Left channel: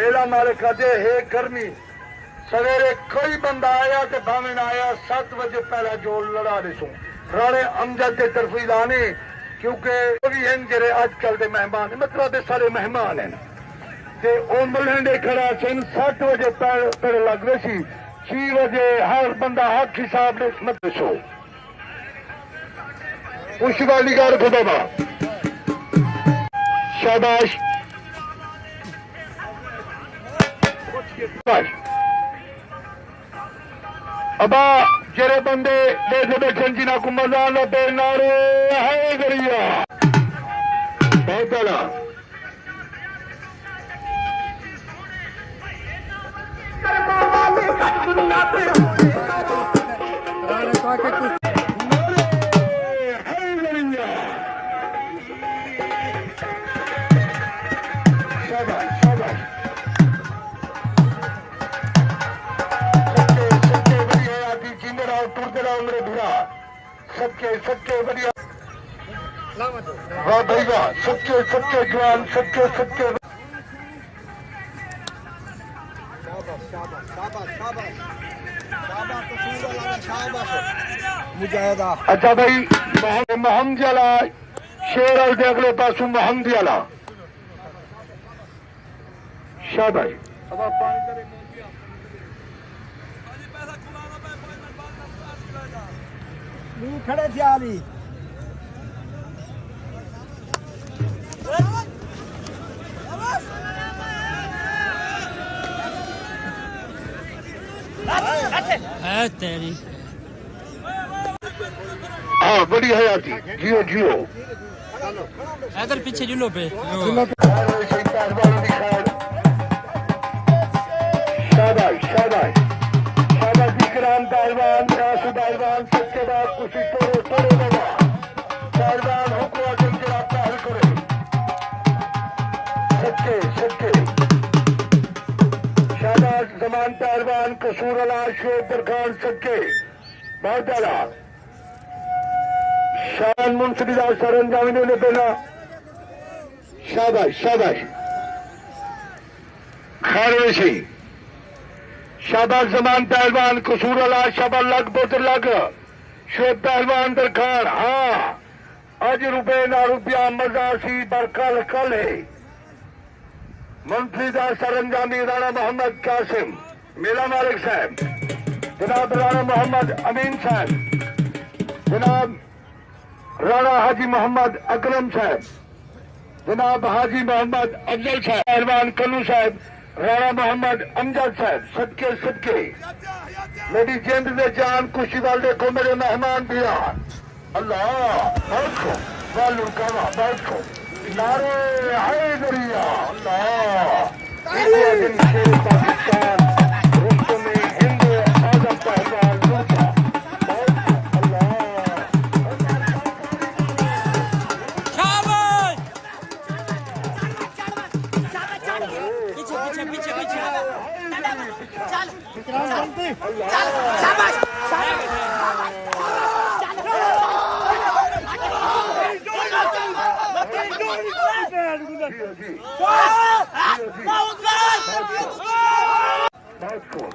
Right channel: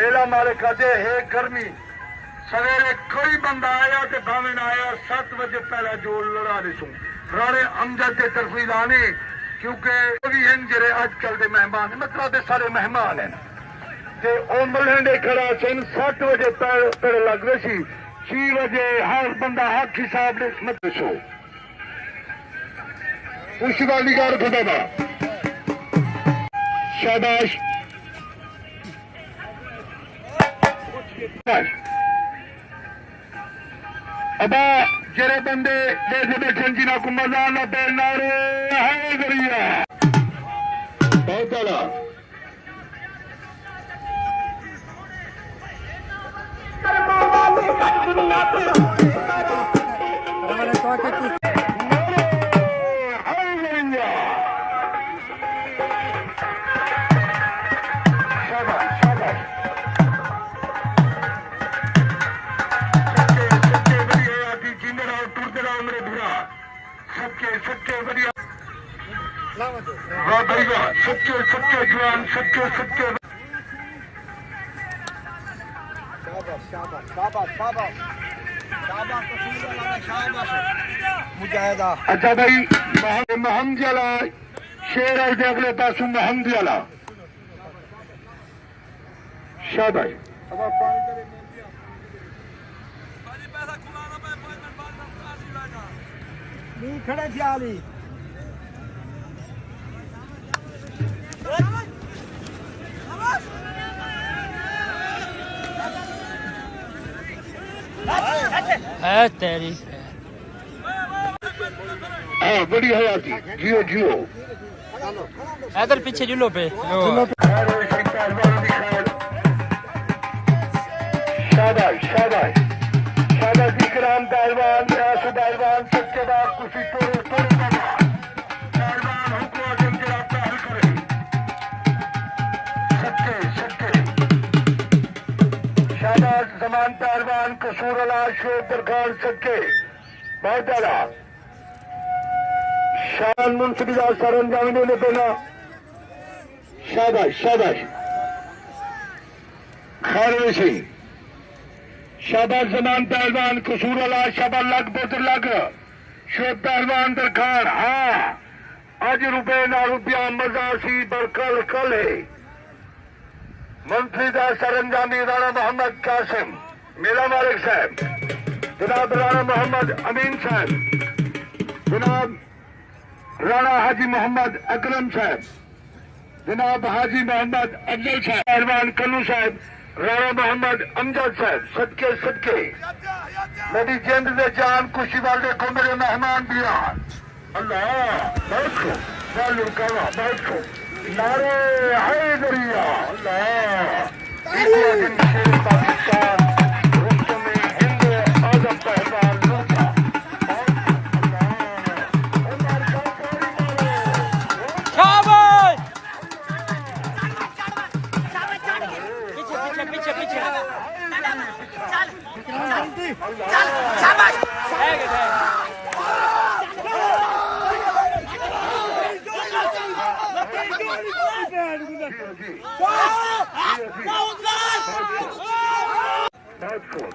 मेरा मालिक कहते है गर्मी सवेरे कोई बंदा आया तो भावे ना आया 7 बजे पहले जो लड़ा लिसू राणे अमजद के तरफी लाने क्योंकि भी हैं जरे अजकल के मेहमान मतलब सारे मेहमान हैं ते ओ मलहंडे खड़ा सुन 7 बजे पहले लग रहे सी 6 बजे हर बंदा हक हिसाब से मत लिसो उस वाली गार खुदा शाबाश अबा जरे बंदे देखे बैठन जिना को मजा न पे नारे है गरिया बहुत बड़ा सच्चे सच्चे बढ़िया वाह भाई वाह सच्चे सच्चे जवान सच्चे सच्चे अच्छा भाई महम जला शेर आई अगले पासों महम जला शाबाश खड़े ख्याली है तेरी हाँ बड़ी हयाती जियो जियो इधर पीछे जुलो पे शाबाश शाबाश शाबाश विक्राम पहलवान रासु पहलवान सबके बाद कुछ तोड़ो तोड़ो बाबा पहलवान हुक्म जरा पहल करे सबके सबके शाबाश जमान पहलवान कसूर अला शेर खान सबके बहुत आला शान मुंसबिजा सरंजामी ने देना शाबाश शाबाश खारवे सिंह शाबाश जमान पहलवान कसूर अला शाबा लग बोतर लग शोध पहलवान दरखार हाँ अज रुपये ना रुपया मजा सी पर कल कल है मंत्री का सरंजामी राणा मोहम्मद कासिम मेरा मालिक साहब जनाब राणा मोहम्मद अमीन साहब जनाब राणा हाजी मोहम्मद अकरम साहब जनाब हाजी मोहम्मद अफजल साहब पहलवान कन्नू साहब राणा मोहम्मद अमजद साहब सदके सदके मेरी जिंद में जान खुशी वाले को मेरे मेहमान दिया अल्लाह बैठो बालू कहा बैठो नारे हाय दरिया अल्लाह पाकिस्तान रुस्तों में हिंदू आजम पहलवान लूटा पीछे पीछे That's cool.